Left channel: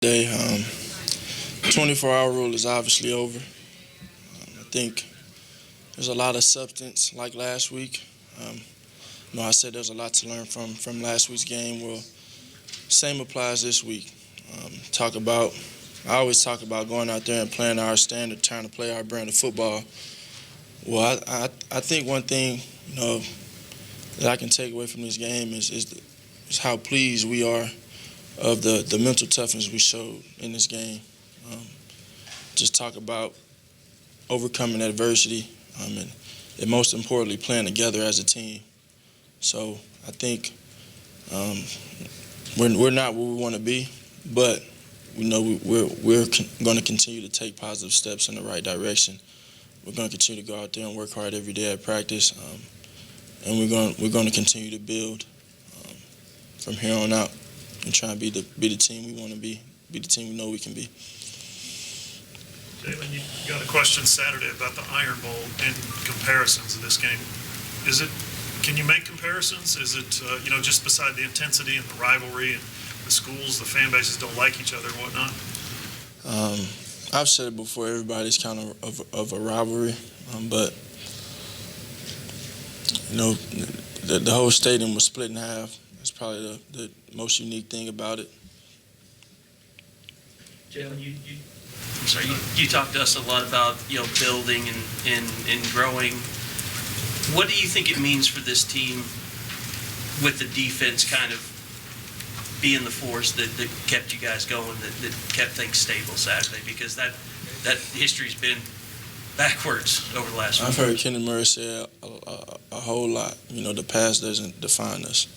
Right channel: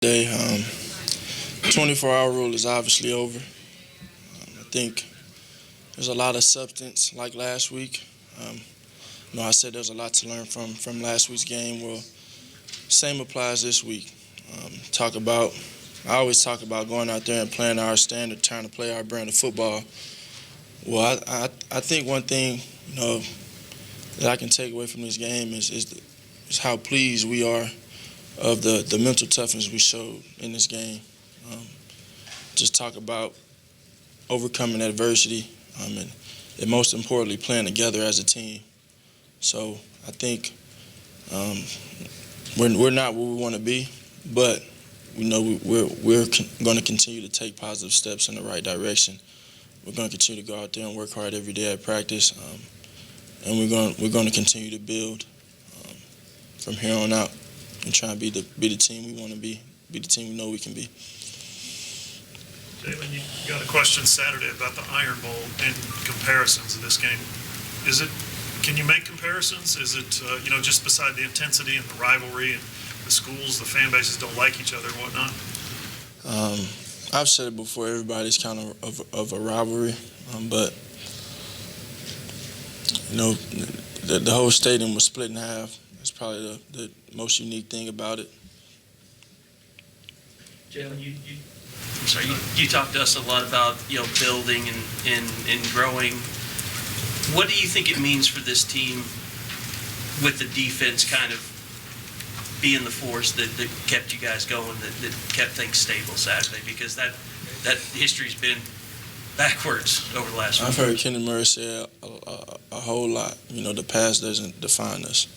Day, 24-hour rule is obviously over. I think there's a lot of substance like last week. I said there's a lot to learn from last week's game. Well, same applies this week. I always talk about going out there and playing our standard, trying to play our brand of football. Well, I think one thing that I can take away from this game is how pleased we are of the mental toughness we showed in this game. Um, just talk about overcoming adversity and most importantly, playing together as a team. So I think we're not where we want to be, but we're going to continue to take positive steps in the right direction. We're going to continue to go out there and work hard every day at practice, and we're going to continue to build from here on out and try and be the team we want to be the team we know we can be. Jalen, you got a question Saturday about the Iron Bowl in comparisons of this game. Can you make comparisons? Is it, just beside the intensity and the rivalry and the schools, the fan bases don't like each other and whatnot? I've said it before, everybody's kind of a rivalry, but the whole stadium was split in half. That's probably the most unique thing about it. Jalen, you talked to us a lot about building and growing. What do you think it means for this team with the defense kind of being the force that kept you guys going, that kept things stable Saturday? Because that history's been backwards over the last I've few heard years. Kenny Murray say a whole lot. The past doesn't define us.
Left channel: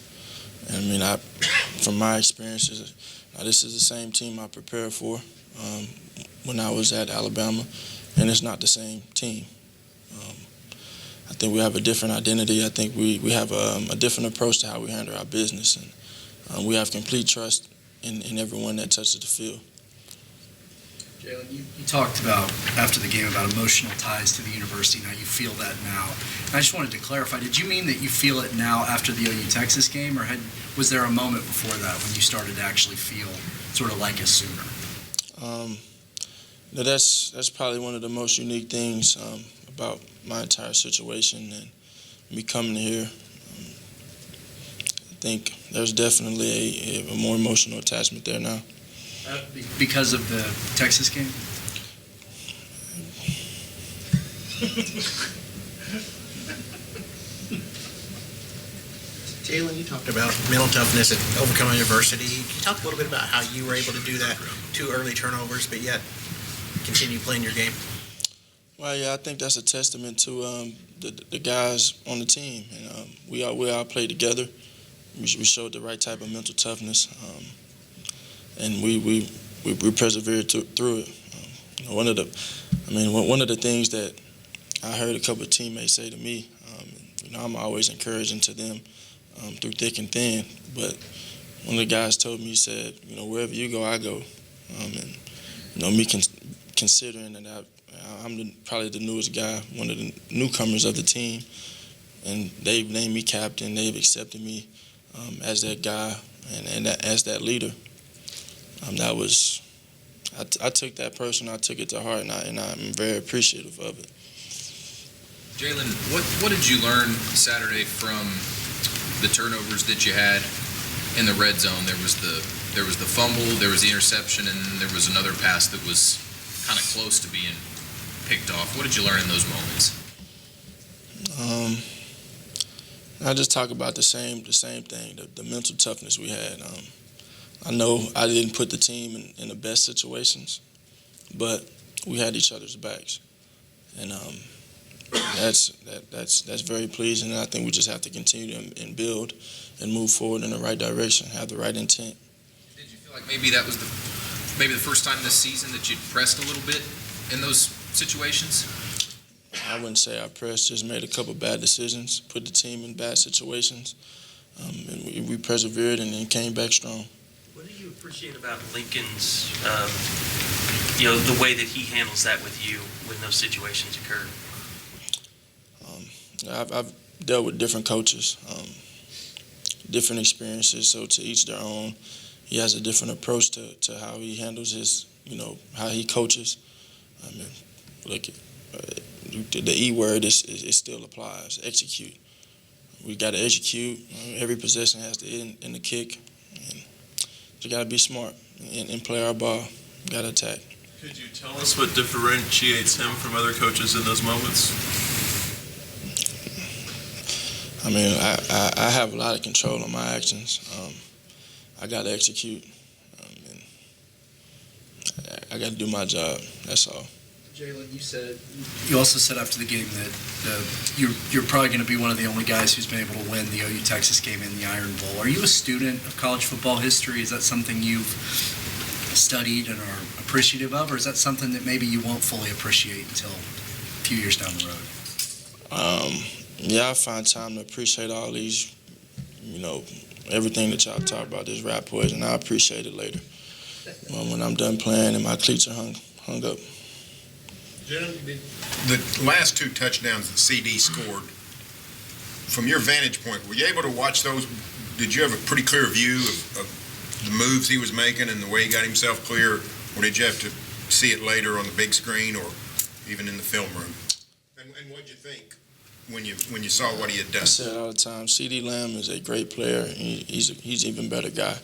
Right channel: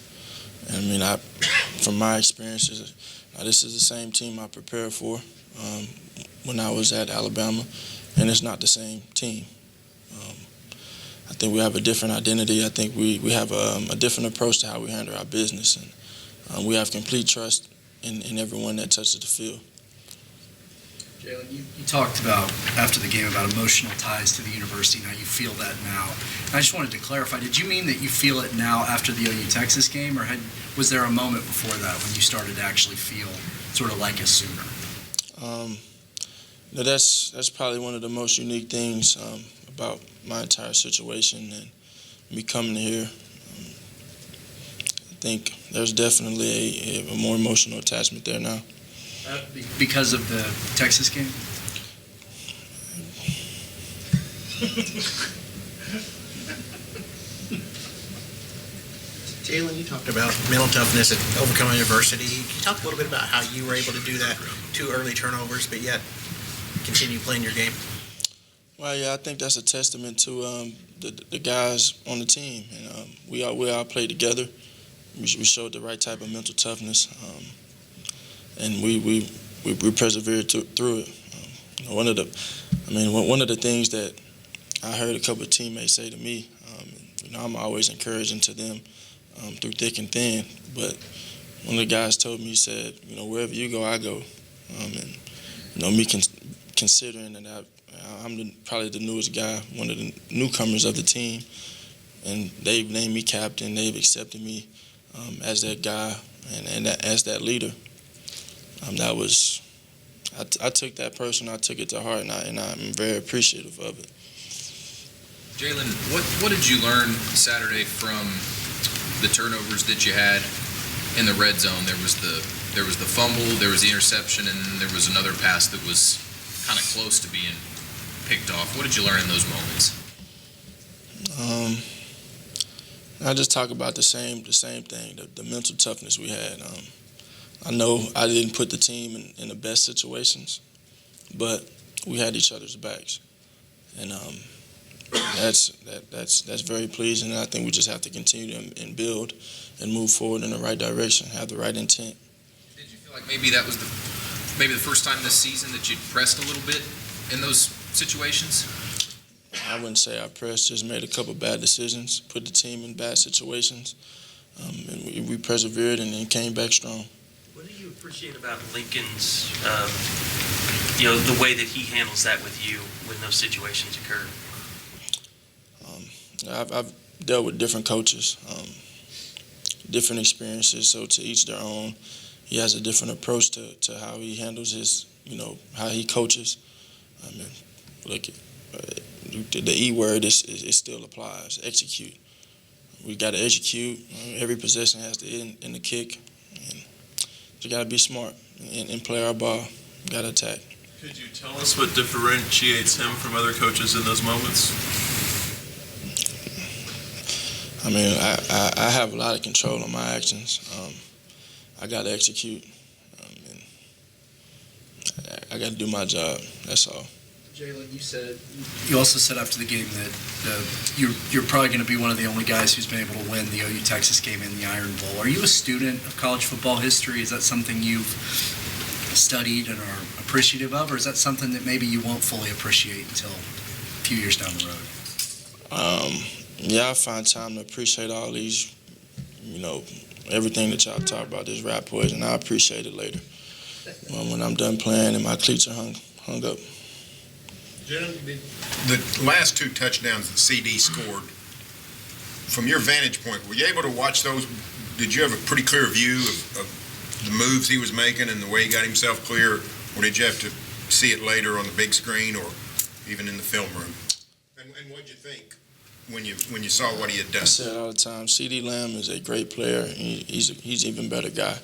From my experiences, this is the same team I prepared for when I was at Alabama, and it's not the same team. I think we have a different identity. I think we have a different approach to how we handle our business, and we have complete trust in everyone that touches the field. Jalen, you talked about, after the game, about emotional ties to the university and how you feel that now. And I just wanted to clarify, did you mean that you feel it now after the OU Texas game, or was there a moment before that when you started to actually feel sort of like it sooner? That's probably one of the most unique things about my entire situation and me coming here. I think there's definitely a more emotional attachment there now. Because of the Texas game? Jalen, you talked about mental toughness and overcoming adversity. Can you talk a little bit about how you were able to do that? 2 early turnovers, but yet continue playing your game? Well, yeah, I think that's a testament to the guys on the team. And we all played together. We showed the right type of mental toughness, and we persevered through it. One of the things that I heard a couple of teammates say to me, I'm always encouraging to them through thick and thin. But one of the guys told me, he said, wherever you go, I go. Me considering that I'm probably the newest guy, one of the newcomers of the team, and they've named me captain. They've accepted me as that guy and as that leader. I took that person, I took it to heart, and I'm very appreciative of it. Jalen, what did you learn Saturday from the turnovers that you had in the red zone? There was the fumble, there was the interception, and there was another pass that was kind of close to being picked off. What did you learn in those moments? I just talk about the same thing, the mental toughness we had. I know I didn't put the team in the best situations, but we had each other's backs, and that's very pleasing. And I think we just have to continue and build and move forward in the right direction, have the right intent. Did you feel like maybe that was the first time this season that you pressed a little bit in those situations? I wouldn't say I pressed, just made a couple bad decisions, put the team in bad situations, and we persevered and then came back strong. What do you appreciate about Lincoln's, the way that he handles that with you when those situations occur? I've dealt with different coaches, different experiences, so to each their own. he has a different approach to how he handles his, how he coaches. I mean, look, the E word is still applies. Execute. We got to execute. Every possession has to end in the kick. And you got to be smart and play our ball. Got to attack. Could you tell us what differentiates him from other coaches in those moments? I mean, I have a lot of control on my actions. I got to execute. And I got to do my job. That's all. Jalen, you also said after the game that you're probably going to be one of the only guys who's been able to win the OU Texas game in the Iron Bowl. Are you a student of college football history? Is that something you've studied and are appreciative of, or is that something that maybe you won't fully appreciate until a few years down the road? Yeah, I find time to appreciate all these, everything that y'all talk about, this rap poison. I appreciate it later when I'm done playing and my cleats are hung up. The last two touchdowns that CD scored, from your vantage point, were you able to watch those? Did you have a pretty clear view of the moves he was making and the way he got himself clear, or did you have to see it later on the big screen or even in the film room? And what did you think when you saw what he had done? I say it all the time. CD Lamb is a great player. He's an even better guy.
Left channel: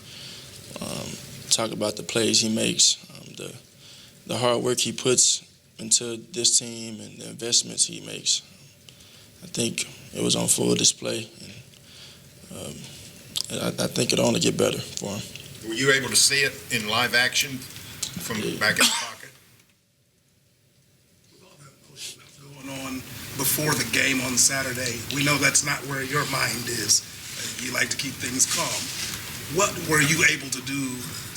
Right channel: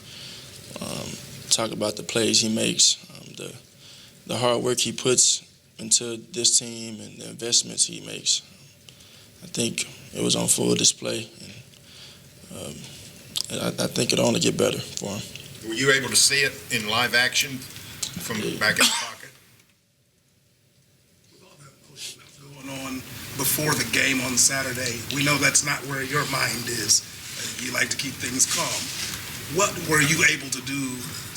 Talk about the plays he makes, the hard work he puts into this team and the investments he makes. I think it was on full display. And I think it'll only get better for him. Were you able to see it in live action from back in the pocket? With all that emotion that's going on before the game on Saturday, we know that's not where your mind is. You like to keep things calm. What were you able to do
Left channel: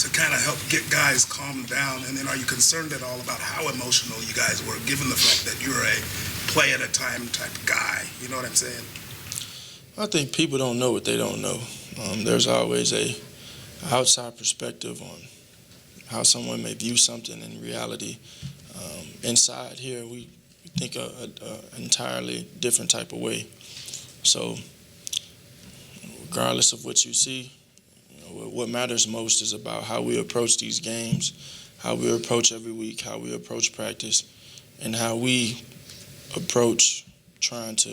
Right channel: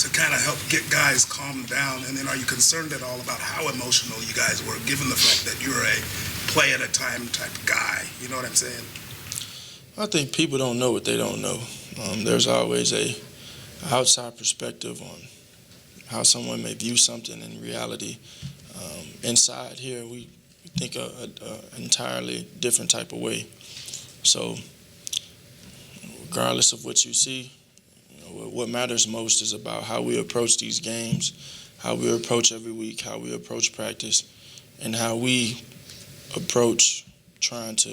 to kind of help get guys calmed down? And then are you concerned at all about how emotional you guys were, given the fact that you're a play-at-a-time type guy? You know what I'm saying? I think people don't know what they don't know. There's always a outside perspective on how someone may view something in reality. Inside here, we think an entirely different type of way. So regardless of what you see, what matters most is about how we approach these games, how we approach every week, how we approach practice, and how we approach trying to,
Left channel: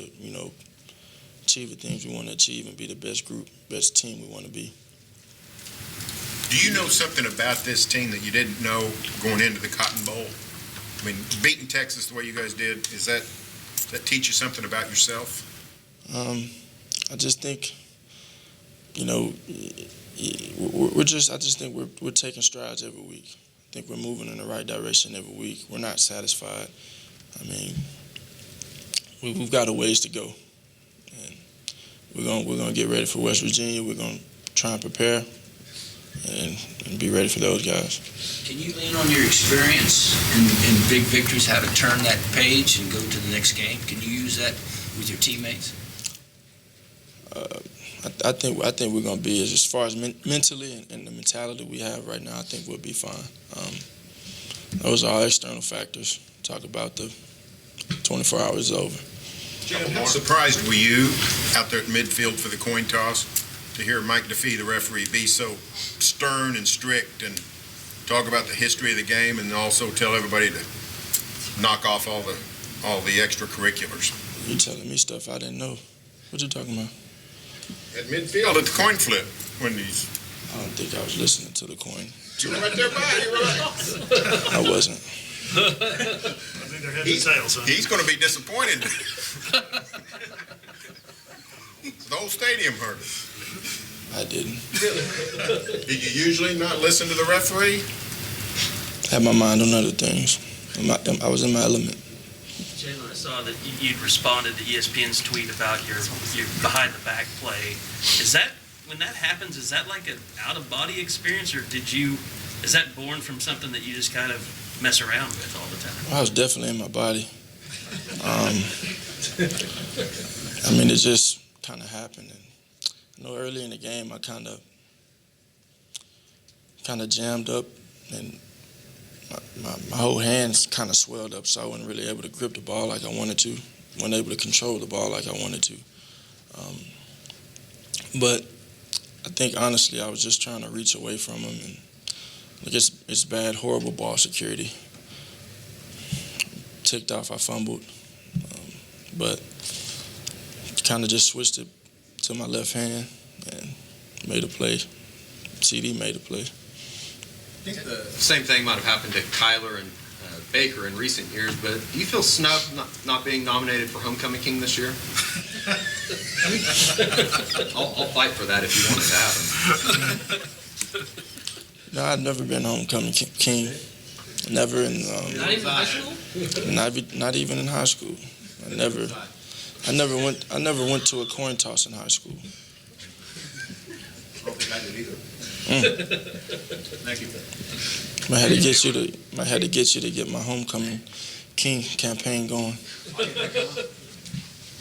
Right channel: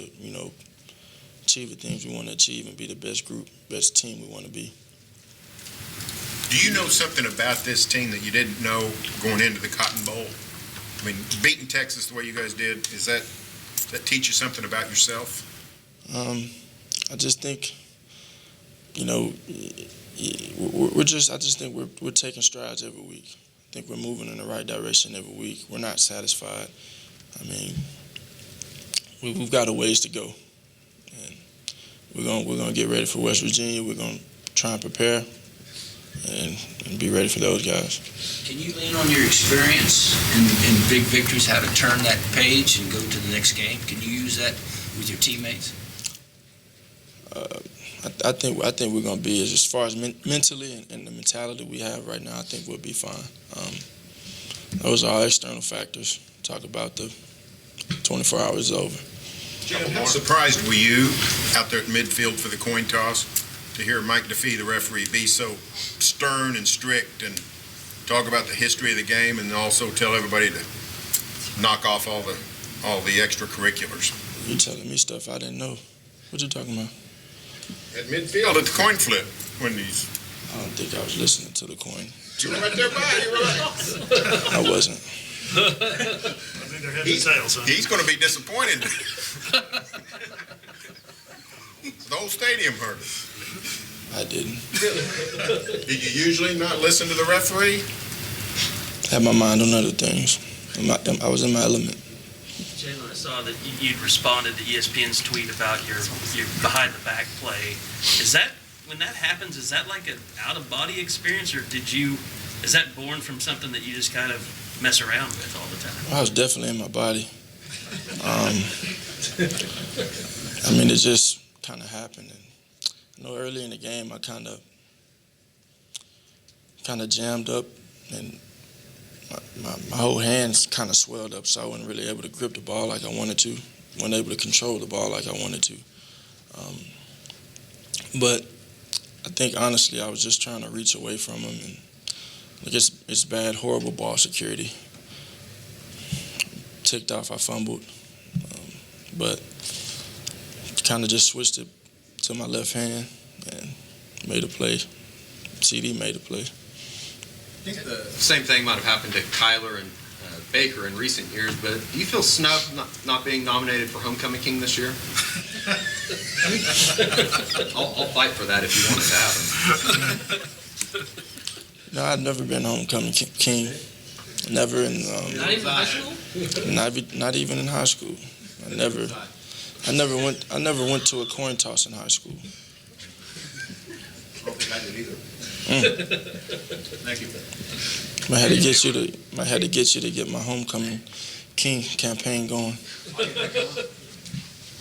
achieve the things we want to achieve and be the best group, best team we want to be. Do you know something about this team that you didn't know going into the Cotton Bowl? I mean, beating Texas the way you guys did, does that teach you something about yourself? I just think, I just think we're taking strides every week. I think we're moving in the right direction every week. We're not satisfied. I mean, we've got a ways to go. And we're gonna get ready for West Virginia. We're gonna try and prepare and be ready for those guys. Can you lean on your experience in big victories, how to turn that page and go to the next game? Can you use that with your teammates? I think we're gonna be, as far as mentally and the mentality we have right now, I think we'll be fine. Those are all external factors. Talk about the 24 hours is over. How surprised were you out there at midfield for the coin toss to hear Mike DeFee, the referee, be so stern and strict and talk about the history of the game and also tell everybody to knock off all the extracurriculars? You telling me stuff I didn't know. What you talking about? At midfield at the coin flip when he's... I don't think I was listening to the coin. You were right there by you, right? I wasn't. I think they're headed tails, huh? He's going to be disappointed. The whole stadium heard it. I didn't. Did you usually not listen to the referee? Had my mind on other things. I was in my element. Jalen, I saw that you'd responded to ESPN's tweet about your behind-the-back play. Is that, when that happens, is that like an out-of-body experience, or is that born from something that you just kind of mess around with all the time? I was definitely in my body. I mean, it just kind of happened. And I know early in the game, I kind of jammed up, and my whole hands kind of swelled up, so I wasn't really able to grip the ball like I wanted to. Wasn't able to control the ball like I wanted to. But think honestly I was just trying to reach away from him, and like it's bad, horrible ball security. Ticked off, I fumbled, but kind of just switched it to my left hand and made a play. CD made a play. I think the same thing might have happened to Kyler and Baker in recent years, but do you feel snubbed not being nominated for Homecoming King this year? I'll fight for that if you want it to happen. No, I've never been homecoming king. Never in. Not even high school? Not even in high school. I never went to a coin toss in high school. I don't think I did either. Thank you. I had to get you to get my homecoming king campaign going.